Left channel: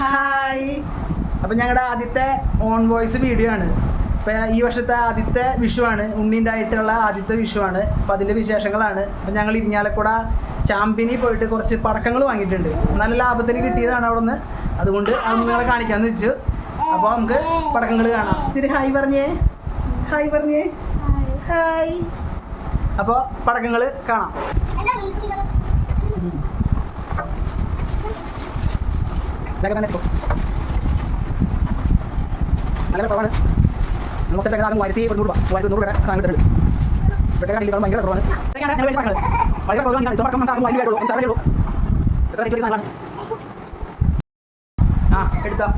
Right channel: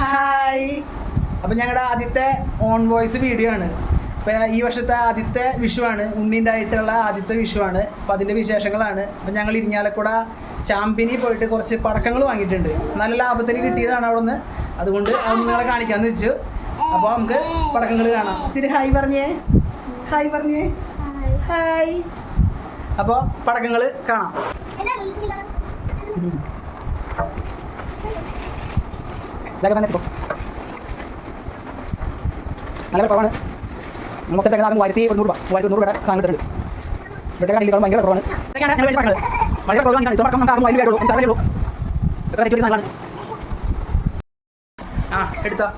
Hi. അപ്പം ഞങ്ങളുടെ ആദ്യത്തെ ഓൺ വോയിസ് വീഡിയോ ആണ്. ഇപ്പം ഈ വർഷത്തെ ആദ്യത്തെ വിഷുവാണ്, ഉണ്ണിൻ്റെതായിട്ടുള്ള ആദ്യത്തെ വിഷുവാണ്. അപ്പം അതിൻ്റെ വിശേഷങ്ങളാണ്. അപ്പം ഞങ്ങൾ ഇരിഞ്ഞാലക്കുട ചാമ്പ്യനിൽ പോയിട്ട് കുറച്ച് പടക്കങ്ങൾ വാങ്ങിയിട്ടുണ്ട്. നല്ല ലാഭത്തിന് കിട്ടിയതാണ് അവിടെ നിന്ന്. അതുകൊണ്ട് അത് നിങ്ങളെ കാണിക്കാമെന്ന് വെച്ചു. അപ്പോൾ നമുക്ക് പടക്കങ്ങൾ കാണാം. ഇച്ചിരി ഹായ് പറഞ്ഞേ, ഹായ് പറഞ്ഞേ, ഹായ്. അപ്പോൾ പടക്കങ്ങൾ കാണാം. നല്ല കുറവാണ്. നമുക്ക് ആകും 1100 രൂപ, 1100 രൂപയുടെ സാധനം കിട്ടുന്നുണ്ട്. ഇവിടുത്തെ കണ്ടികൾ ഭയങ്കര കുറവാണ്. വളരെ കുറവാണ്. ആ എടുത്തോ.